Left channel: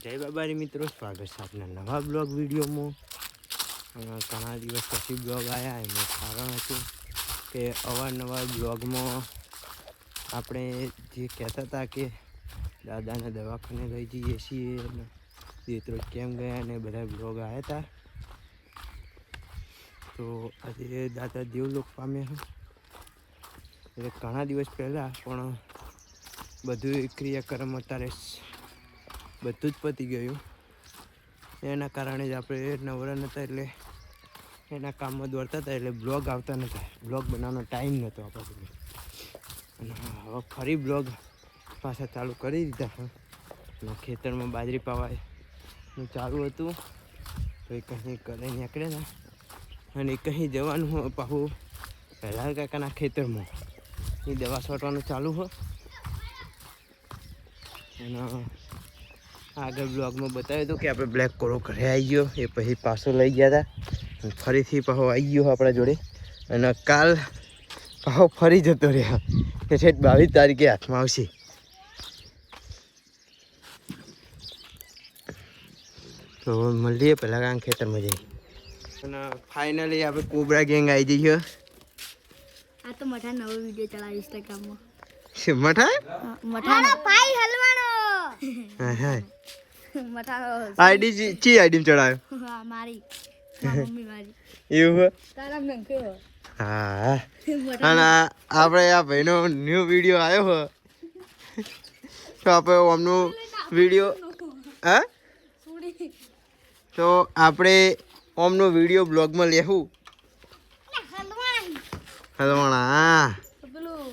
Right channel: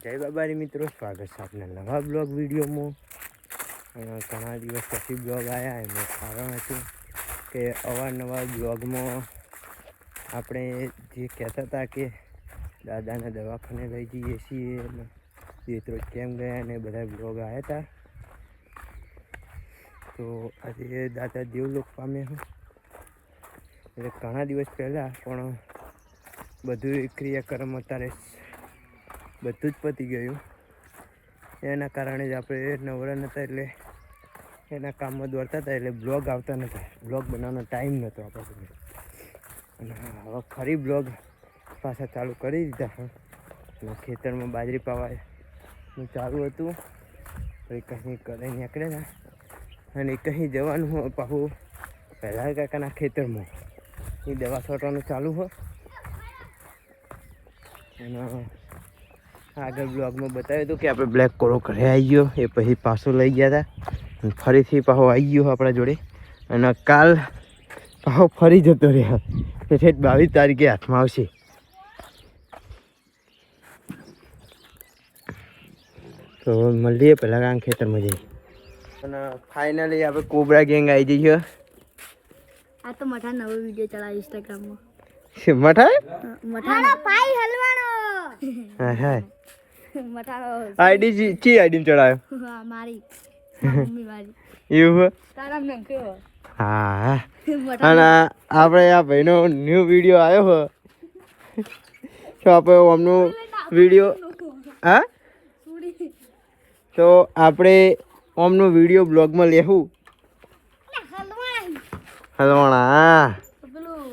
જય બાબારી મિત્રો, સ્વાગત છે આપના નવા બ્લોગ વિડીયોમાં. ઘણા દિવસ પછી બ્લોગ આવ્યા એનું કારણ હતું કે અવારનવાર બ્લોગમાં આપણે જે કહેતા હતા કે દાદાને દવાખાને લઈ જઈએ છીએ અને મિત્રો કેમ ગયા અને બધા બ્લોગ આવ્યા હતા. તો આજે દાદા દેવલોક પામ્યા છે એટલે ઘણા દિવસ પહેલાં, પણ બધું ક્રિયાક્રમ અત્યારે બધું જ પતી ગયું. એના કારણે જ આપણે નવરા નહોતા એટલે એના કામમાં દોડતા હતા એટલે બ્લોગ આવતા નહોતા, બ્લોગ બનાવવાનો ટાઈમ નહોતો આપણા પાસે. અને હવે ફરી બ્લોગ પાછા ચાલુ કરી દીધા છે અને ખેતરમાં બાજરી પાવાનું ચાલુ હતું. તો એ કંઈ કરે નીકળ્યા હતા અને કંઈ જવાનું હોય પાછું પહેલાં કાકાના ખેતરમાં એ દવા છાંટવાનું ચાલુ હોય. અને આગળ બ્લોગમાં બતાવ્યું હતું કે આપણે બ્લેક કોરો ઘરે આવી ગયો, એ પછી પાછું લઈ ગયા હતા ફરીથી પાછો આવી ગયો આપણા જોડે. અને કાલ પાછો ફરી જતો રહ્યા કે 22 તારીખે હાથમાં આવશે. તો મળીએ પહેલાં કાંઈ ખેતરમાં જઈએ. અને ફાઇનલી આપણે કોબરા ગેંગ આવી જઈએ. આ તો મઠા નવો વિડિયો ચલાવ ઇન્સ્ટાગ્રામમાં. શું મઠા? મઠાનો પાઈ હલવાનો. હા હા. મઠાનો આઈડી ચી આઈડી ચડાયો? હા મારી. મમ્મી મારી. એવું? તારા નામ કેવો? હા. અને આપણે આ ભાઈનો ન્યૂ વિડીયો આવ્યો હોય તો આપણે અમનો વિડીયો હા તો આપણે ઓમનો વિડીયો બ્લોગમાં લેવું. હલવાણા